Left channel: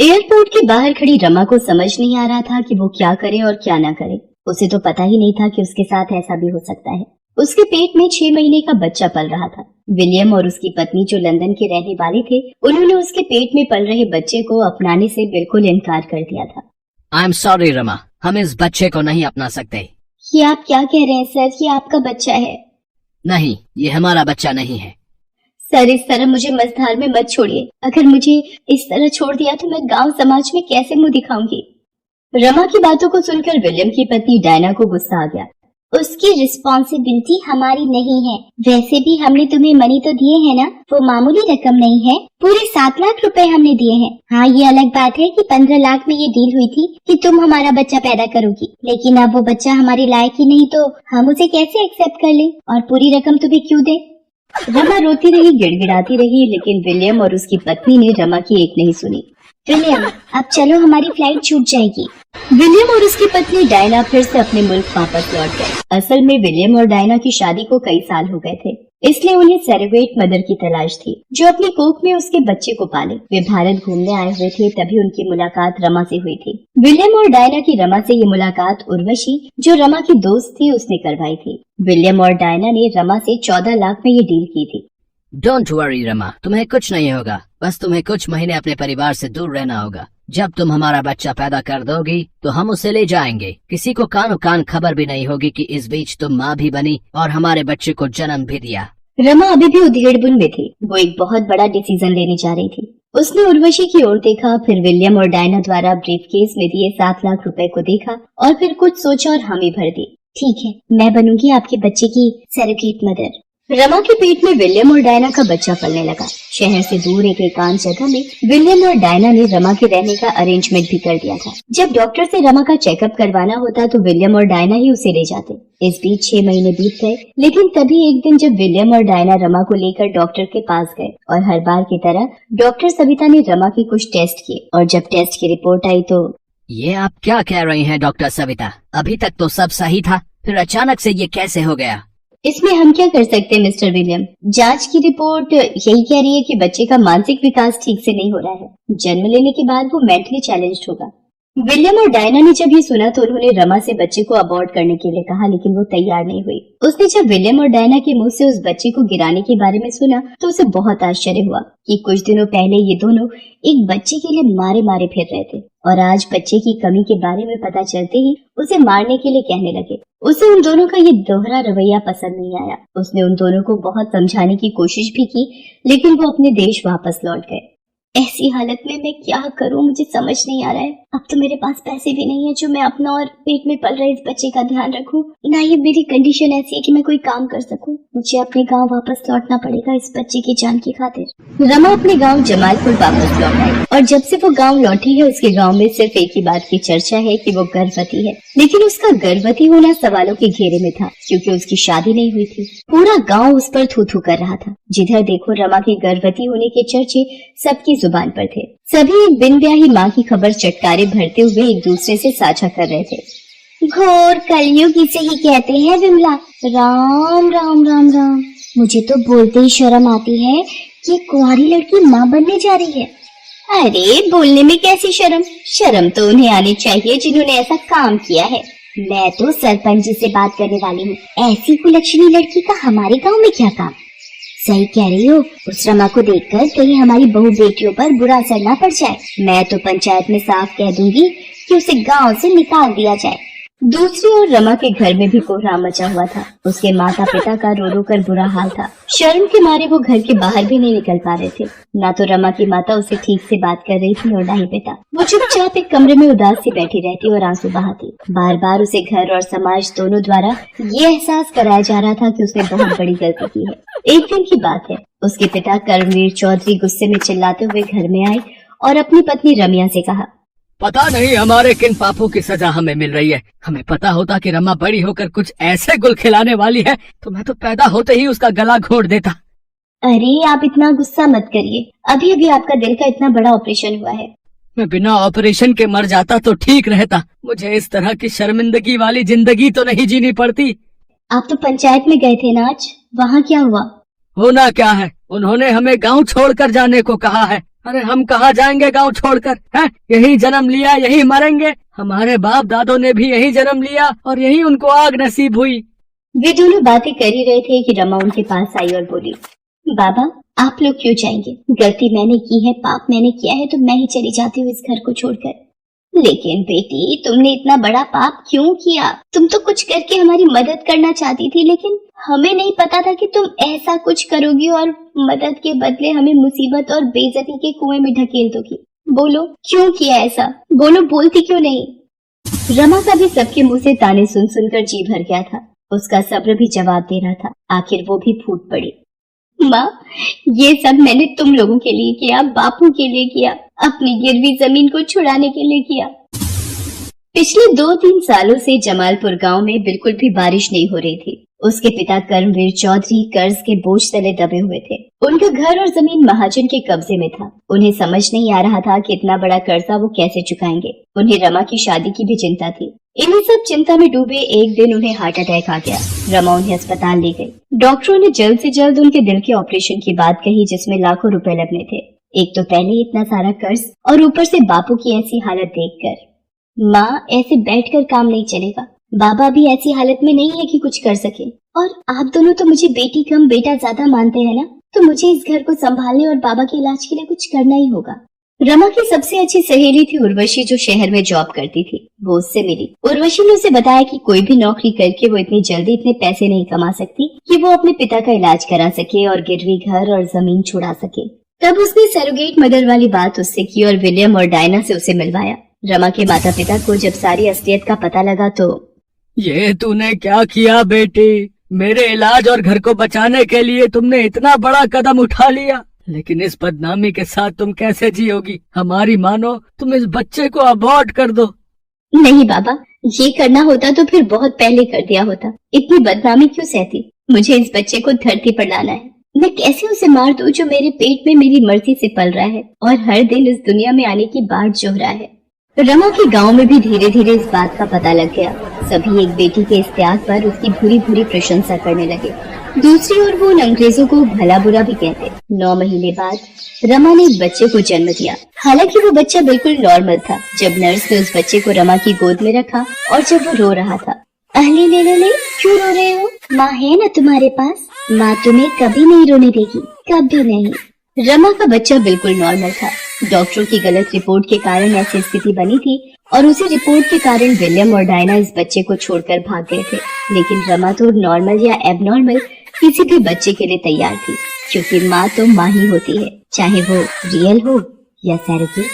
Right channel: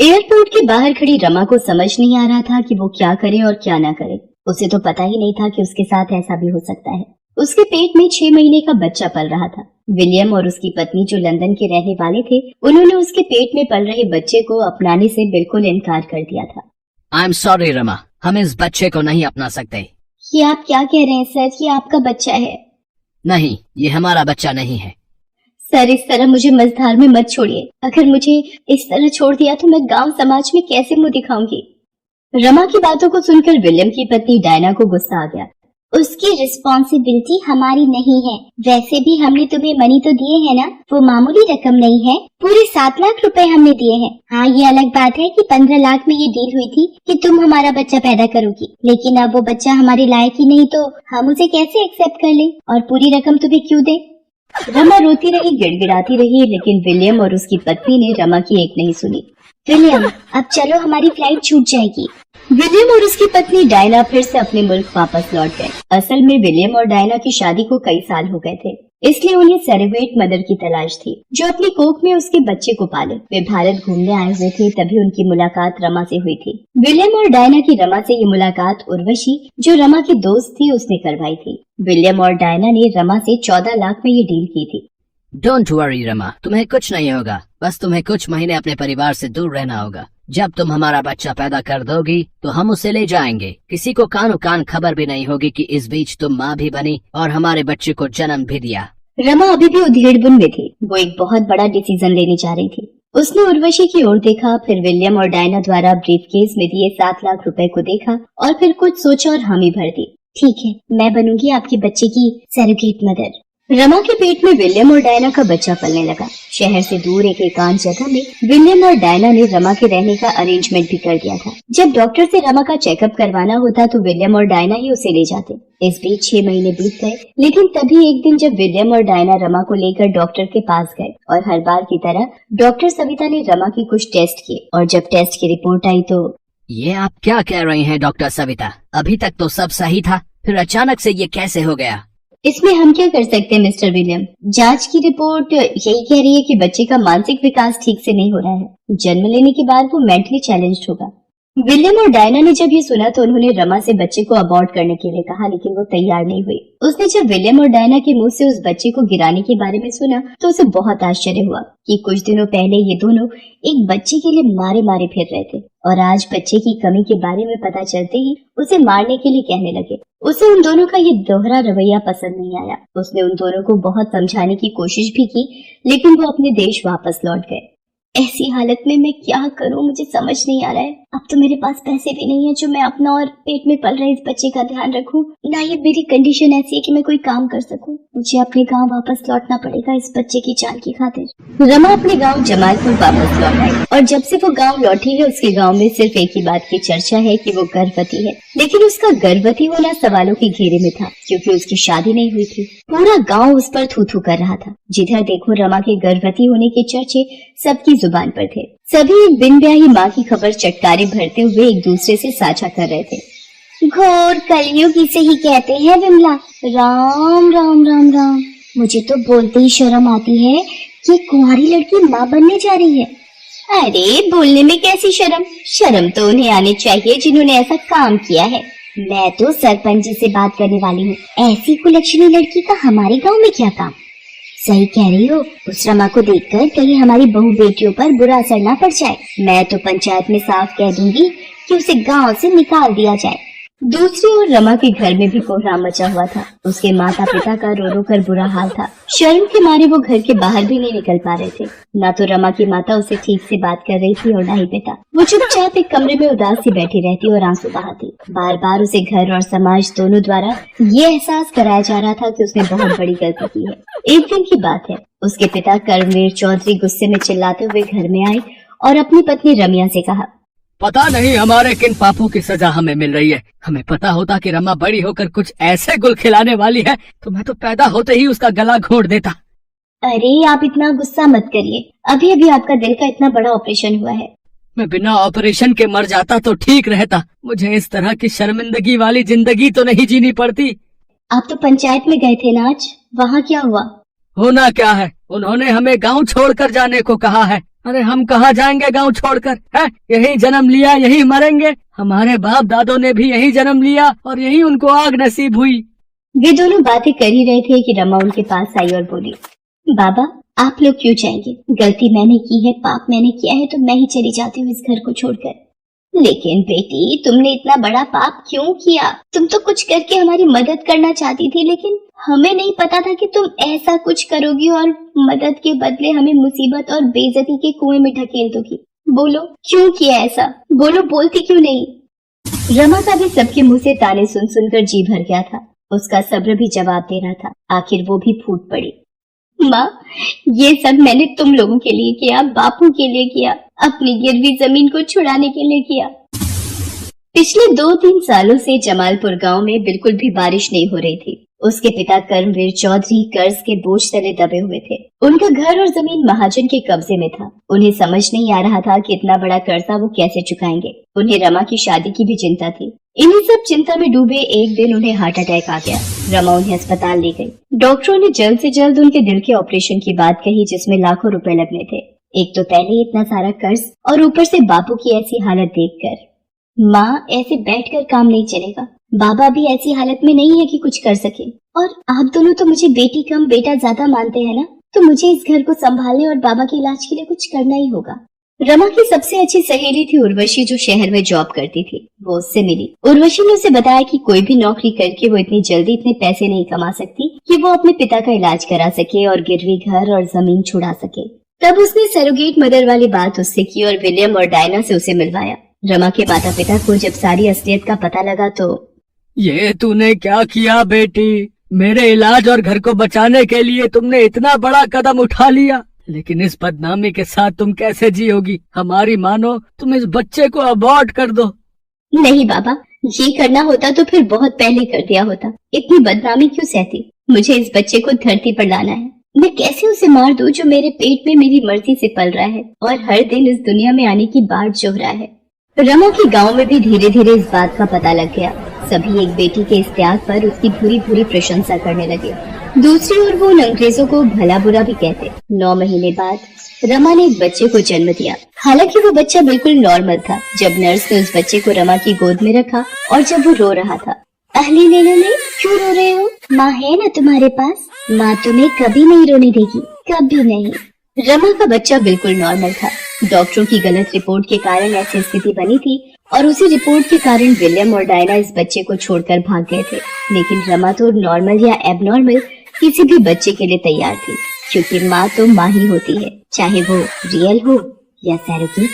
Airport के बाहर खड़ी रमा को समझ नहीं आ रहा था कि वो क्या करे और क्या ना करे। उसे तो पता ही नहीं था कि उसके साथ ऐसा भी हो सकता है। उसके पेट में 6 महीने का बच्चा पल रहा था। विलियम और उसकी पत्नी जो लंदन के रहने वाले थे, उन्होंने उसके पेट में पल रहे बच्चे को अपनाने से बिल्कुल इनकार कर दिया था। आई एम सॉरी रमा, हम इस बच्चे को नहीं अपना सकते। ये आप क्या कह रहे हैं सर? ये आपका बच्चा है? नहीं, ये हमारा बच्चा नहीं है। सर, इस तरह मुझे मझधार में मत छोड़िए। अगर मुझे इस तरह छोड़ दिया तो मैं गांव समाज में कैसे मुंह दिखाऊंगी? रमा की बातों को सुनकर विलियम की पत्नी डायना को गुस्सा आ गया। उसकी रिस्पॉन्सिबिलिटी हमारी नहीं है। वैसे भी हमने तुम्हें मनी तो दिए हैं ना, वो मामूली रकम नहीं है। पूरे 7 लाख रुपए हमने दिए हैं। हाँ, ये अलग बात है कि 15 लाख में ये डील हुई थी कि तुम हमारा बच्चा पैदा करोगी, लेकिन अब वो बच्चा हमारे लायक ही नहीं तो हम उसे कैसे एक्सेप्ट कर ले और पूरी रकम तुम्हें क्यों दे? रमा रोती रही, गिड़गिड़ाती रही, लेकिन विलियम और उसकी पत्नी ने रमा की एक नहीं सुनी। विलियम, अब चलो, हमारी फ्लाइट छूट जाएगी। विलियम और उसकी पत्नी डायना फिर से अपने मुल्क वापस लौट गए। असल में विलियम और डायना की शादी को कई साल हो गए थे, इसलिए उन्हें सरेवेट मदर की तलाश थी जो अपनी कोख में उसके बच्चे को पाले। वे भारत घूमने आए हुए थे, तभी उनकी मुलाकात रमा से हुई थी। विलियम और डायना की रमा से ये मुलाकात उर्वशी, जो रमा की दोस्त थी, उसने करवाई थी। विलियम और डायना ने रमा से 14 लाख में ये डील की थी। डोंट वरी रमा, तुम्हें कुछ नहीं होगा। बस तुम्हें कुछ महीने अपने परिवार से दूर रहना होगा। जब तुम हमारा बच्चा पैदा कर दोगी तो हम उसे ले जाएंगे। किसी को कानो कान खबर भी नहीं होगी कि इस बीच तुम माँ भी बनी और हमारे बच्चे को जन्म भी दिया। रमा अभी भी उधेड़बुन में थी। वो एक बहुत बड़ा डिसीजन लेने जा रही थी। उसने उर्वशी की ओर देखा, फिर विलियम और डायना द्वारा ब्रीफकेस में दिए 7 लाख रुपए को देखा और फिर कुछ सोचा और हामी भर दी। ठीक है, मैं बनूंगी आपके बच्चे की सरोगेट मदर। रमा के पेट में विलियम और डायना का बच्चा पलने लगा। शहर से दूर एक एकांत जगह में विलियम और डायना ने रमा के रहने का अरेंजमेंट भी कर दिया था। जब डॉक्टर से रमा का चेकअप करवाना होता तो विलियम और डायना ही उसे ले जाते। इस बीच 6 महीने बीत गए, लेकिन तभी एक दिन जब विलियम और डायना रमा को लेकर डॉक्टर के पास गए और हर बार की तरह डॉक्टर सविता ने रमा की कुछ टेस्ट किए और जब टेस्ट की रिपोर्ट आई तो ये आप क्या कह रही हैं डॉक्टर सविता? अभी तक तो सब सही था, फिर अचानक से ये कैसे हो गया? इसमें हम क्या कर सकते हैं मिस्टर विलियम? जांच की रिपोर्ट यही कह रही है कि बच्चे का मानसिक विकास ठीक से नहीं हो रहा है। जन्म लेने के बाद वो मेंटली चैलेंज्ड होगा। विलियम और डायना ने जब ये सुना तो उन्होंने रमा से बच्चे को अबॉर्ट करने के लिए कहा, लेकिन वो तैयार नहीं हुई। उसने जब विलियम और डायना के मुंह से उस बच्चे को गिराने के बारे में सुना तो उसे बहुत आश्चर्य हुआ कि कुछ दिनों पहले ये दोनों एक बच्चे के लिए मारे मारे फिर रहे थे और आज बच्चे की कमी के बारे में पता चलते ही उसे मारने के लिए कहने लगे। उसे उन दोनों का ये दोहरा रवैया पसंद नहीं आया। उसने उन दोनों को बहुत समझाने की कोशिश भी की, लेकिन वो अपने देश वापस लौट गए। ऐसी हालत में मैं क्या करूं, मुझे समझ नहीं आ रहा है। अब तो मेरे पास पैसे भी नहीं है जो मैं अपना और पेट में पल रहे इस बच्चे का ध्यान रखूं। ना ये मेरी कंडीशन ऐसी है कि मैं कोई काम कर सकूं। मुझे अपने गांव वापस लौटना पड़ेगा इस बच्चे की जान की खातिर। रमा अपने गांव जमालपुर वापस लौट आई और जब से वो गांव लौटी है उसके गांव में सिर्फ एक ही बात की चर्चा है कि वो गर्भवती है। लेकिन उसका गर्भवती होना सवालों के घेरे में था क्योंकि उसकी शादी नहीं हुई थी। पूरा गाँव उस पर थू थू कर रहा था। जिधर देखो रमा के गर्भवती होने के चर्चे सबकी जुबान पर थे। सभी बिन ब्याही माँ की खबर चटकारे भरते हुए एक दूसरे से साझा कर रहे थे। घोर कलयुग इसे ही कहते हैं विमला। राम राम राम राम। मुझे तो बोलते ही शर्म आती है कि कुंवारी लड़की माँ बनने जा रही है। अरे बोलने में कैसी शर्म? शर्म तो उन्हें आनी चाहिए जिन्होंने ऐसा काम किया है। मैं तो सरपंच जी से बात करने वाली हूँ। ऐसी कुलक्षणी लड़की का हमारे गाँव में क्या काम? सही कह रही हो। उस रमा को देखकर कहीं हमारी बहू बेटियों पर बुरा असर ना पड़ जाए। मैं तो पंचायत में साफ कह दूंगी कि उसे गांव से निकाल दिया जाए। दूसरी ओर रमा के घर में भी कोहराम मचा हुआ था। उसके माता पिता का रो रो कर बुरा हाल था। शर्म के मारे वो घर के बाहर भी नहीं निकल पा रहे थे। न तो रमा की माता उसे ठीक से बात कर रही थी और न ही पिता। वो चुपचाप एक कमरे में उदास सी बैठी रहती और आंसू बहाती। बार बार उसे घर और समाज दोनों द्वारा ये एहसास कराया जा रहा था कि उसने बहुत बड़ी गलती की है। एक दिन की बात है, उसके पिता कर्मवीर चौधरी गुस्से में चिल्लाते हुए घर में आई और अपनी पत्नी रमिया से कहा, पता नहीं हमारे किन पापों की सजा हमें मिल रही है। हमें पता होता कि रमा बड़ी होकर कुछ ऐसे गुल खिलाने वाली है तो मैं तो पैदा होते ही उसका गला घोंट देता। अरे आप इतना गुस्सा मत करिए। अभी अभी आपका दिल का इतना बड़ा ऑपरेशन हुआ है। मैं बिना ऑपरेशन के मर जाता तो ठीक रहता। मुझे इस तरह की शर्मिंदगी वाली जिंदगी तो नहीं जीनी पड़ती। आप तो पंचायत में गए थे ना आज, वहाँ क्या हुआ? होना क्या है, उन्होंने हमें गांव छोड़कर जाने को कहा है। अरे हम कहाँ जाएंगे गांव छोड़कर, है? यही जन्म लिया, यही मरेंगे। हमारे बाप दादों ने भी यही जन्म लिया और यही उनको आग नसीब हुई। वे दोनों बातें कर ही रहे थे कि रमा उनके पास आई और बोली, बाबा आप लोग क्यों जाएंगे? गलती मैंने की है, पाप मैंने किया है, तो मैं ही चली जाती हूँ इस घर को छोड़कर। लेकिन बेटी तुमने इतना बड़ा पाप क्यों किया? तुम तो कुछ करके हमारी मदद करना चाहती थी, लेकिन हमें नहीं पता था कि तुम ऐसा कुछ करोगी और मदद के बदले हमें मुसीबत और बेइज्जती के कुएं में ढकेल दोगी। बोलो क्यों किया ऐसा? बोलो, बोलती क्यों नहीं? रमा का भी सबके मुंह से ताने सुन सुनकर जी भर गया था। उसका सब्र भी जवाब दे रहा था। आखिर वो भी फूट पड़ी, माँ ये सब मैंने तुम लोगों के लिए किया, बापू के लिए किया, अपनी गिरवी जमीन को छुड़ाने के लिए किया। पिछले 2-3 सालों से जमालपुर गांव में बिल्कुल भी बारिश नहीं हो रही थी। उसके पिता कर्मवीर चौधरी कर्ज के बोझ तले दबे हुए थे। उनका घर और जमीन महाजन के कब्जे में था। उन्हें समझ नहीं आ रहा था कि इतना बड़ा कर्जा वो कैसे चुकाएंगे। उन्हें रमा की शादी की भी चिंता थी। इन्हीं सब चिंता में डूबे एक दिन उन्हें हार्ट अटैक आ गया। रमा उन्हें अस्पताल ले गई। डॉक्टरों ने जल्द से जल्द उनके दिल के ऑपरेशन की बात कही, जिसमें लाखों रुपए लगने थे। एक तो पहले ही इतना सारा कर्ज और ऊपर से बापू की ऐसी हालत देखकर। माँ ऐसे बैठकर काम नहीं चलेगा। बाबा भी ऐसी हालत में नहीं है कि कुछ कर सके, और आप दोनों तो मुझे बेटी कम बेटा ज्यादा मानते हैं ना, तो मुझे इस घर को संभालने और बाबा के इलाज के लिए कुछ करना ही होगा। रमा की सबसे अच्छी सहेली थी उर्वशी, जो शहर में जॉब करती थी। वो उससे मिली। उर्वशी ने उसे बताया कि कोई भी नौकरी करके वो इतनी जल्दी इतने पैसे नहीं कमा सकती कि वो अपने पिता का इलाज करा सके और गिरवी घर और जमीन छुड़ा सके। तब उसने सरोगेट मदर वाली बात उससे की और विलियम और डायना से उसे मिलवाया। रमा के माता पिता को जब सारी असलियत का पता लगा तो, ये तूने क्या किया बेटी? मेरे इलाज और घर को बचाने के लिए तुमने इतना बड़ा कदम उठा लिया, लेकिन इस बदनामी के साथ तुम कैसे जियोगी? हमारी मानो तुम इस बच्चे को अबॉर्ट कर दो। नहीं बाबा, ये करना होता तो फिर बहुत पहले कर दिया होता। इतनी बदनामी क्यों सहती? मुझे इस बच्चे को धरती पर लाना है। मैं कैसे उसे मार दूं जो मेरे पेट में मेरी मर्जी से पल रहा है और हर दिन इस दुनिया में आने की बाट जोह रहा है। रमा के गांव में भी धीरे धीरे इस बात का पता लग गया। सभी एक बेटी के इस त्याग पर उसकी भूरी भूरी प्रशंसा करने लगे। दूसरी ओर वो उन अंग्रेजों को भला बुरा भी कहते। 9 महीने बाद रमा ने एक बच्चे को जन्म दिया। हालांकि वो बच्चा बिल्कुल नॉर्मल था। जब नर्स ने उस बच्चे को रमा की गोद में रखा और जब वो रो रहा था, अले ले ले ले, क्यों रो रहे हो? माँ है ना तुम्हारे पास, माँ तुम्हें कभी नहीं रोने देगी, कभी नहीं। रमा का बच्चा बिल्कुल नॉर्मल था। डॉक्टरों की गलत रिपोर्ट के कारण ऐसी स्थिति बनी थी और उसी रिपोर्ट के कारण विलियम और डायना इस बच्चे को छोड़कर भाग गए थे। लेकिन रमा तो नॉर्मल या एबनॉर्मल किसी भी बच्चे के लिए तैयार थी, क्योंकि माँ तो माँ ही होती है, चाहे वो रियल हो या सैरोगेट।